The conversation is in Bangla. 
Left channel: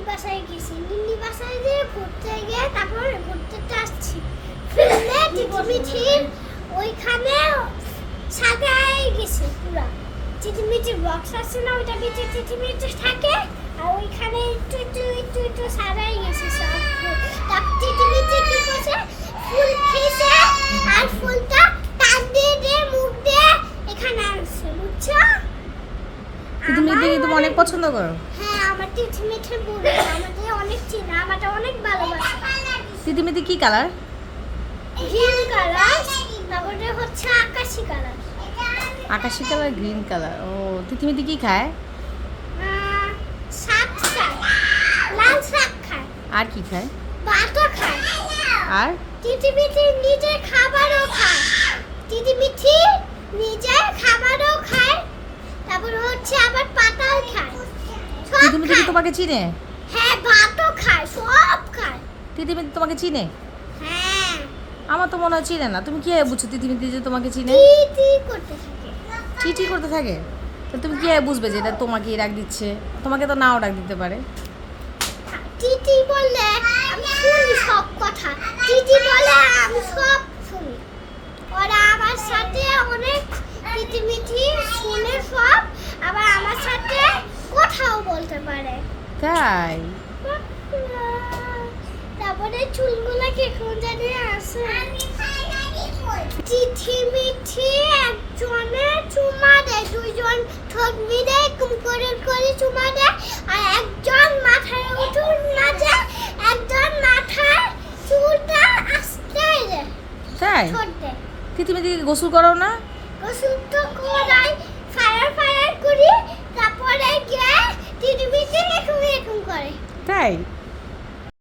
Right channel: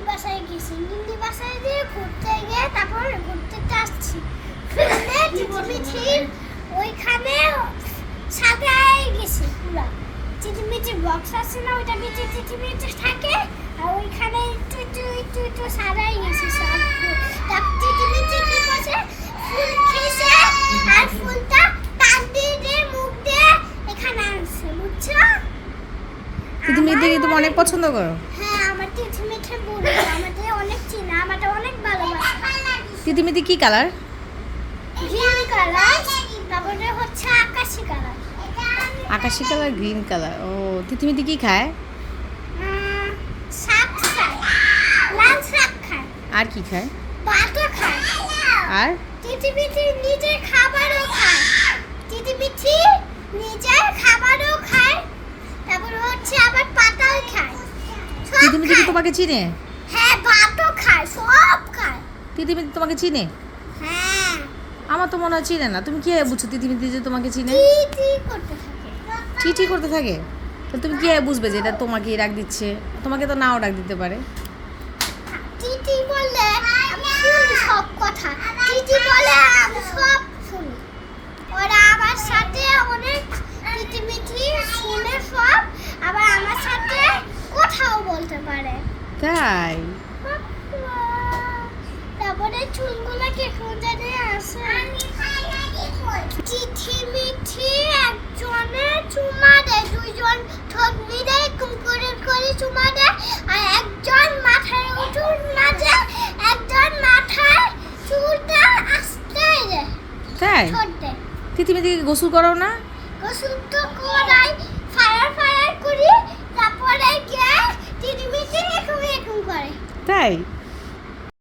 নিন্দি বাসায় গেছি নিন্দি বাসায় গিয়ে ঘুরতে গিয়ে তারপর ঘুরতে আসছি। চিটিমিঠির ওইখানে সাজায় গেছি পুরা। চিটিমিঠির বক্স আছে না ওইটা ভিতরে চিটিমিঠি থাকে আর ওইখানে একটু একটু একটু একটু সাজাই গেছি সব তারপর কি করছে? ফুল খেয়েছে আর ফুলটা টান দিয়ে দিয়ে মুখ দিয়ে এখানে আনছে বুঝছ? তিতিমির দিকে তুমি অনেক পছন্দ করো। হ্যাঁ তিতিমিতি কি কালার? আকাশি কালার। গ্রিন কালার ও তিতিমিতি কি খায়? শাক খায় লাল শাক খায়। আর কি খায়? আর? তিথি মিঠি নিজের খাবারও খায়। তিথি মিঠি নিজের খাবারও খায় তারপরে হচ্ছে আবার পাতাও খায় তিতিমিতি কি তোমাকে চিনে? হ্যাঁ ভাতও খায় সব খায়। তিতিমিতি তোমাকে চিনে? হ্যাঁ। আমার তো মনে হয় চিনে না। তুমি কি বুঝছ তিতিমিতি যে তোমাকে চিনে? টি করতে থাকে। চিঠি করতে থাকে? তো তুমি কি বুঝবে যে এটা তোমাকে ডাক দিচ্ছে? তোমাকে তো নাও ডাক দিতে পারে। টিটি বললে আমি সব কথা। টিটি বলে আমি সব শুনি ওরা আমার সাথে অনেক মিটি শুনে সব আবার আমার সাথে বলতে পারে। তাই? তারপরে চুলগুলো কেমন জানি আসে চিঠি মিঠি একজনে চুমা দেয় দুইজন ঠোঁট মিলে এরকম করে করে চুমা দেয় আর একজন মাথায় উঠুন মাঝে একজন মাথায় চুলটা আস্তে তাই? তিতিমিতি গোসল করো না? গোসল তো করাই ফায়ার ফায়ার করি তারপরে গিয়ে চিঠি মিঠি এরকম এরকম করে তাই?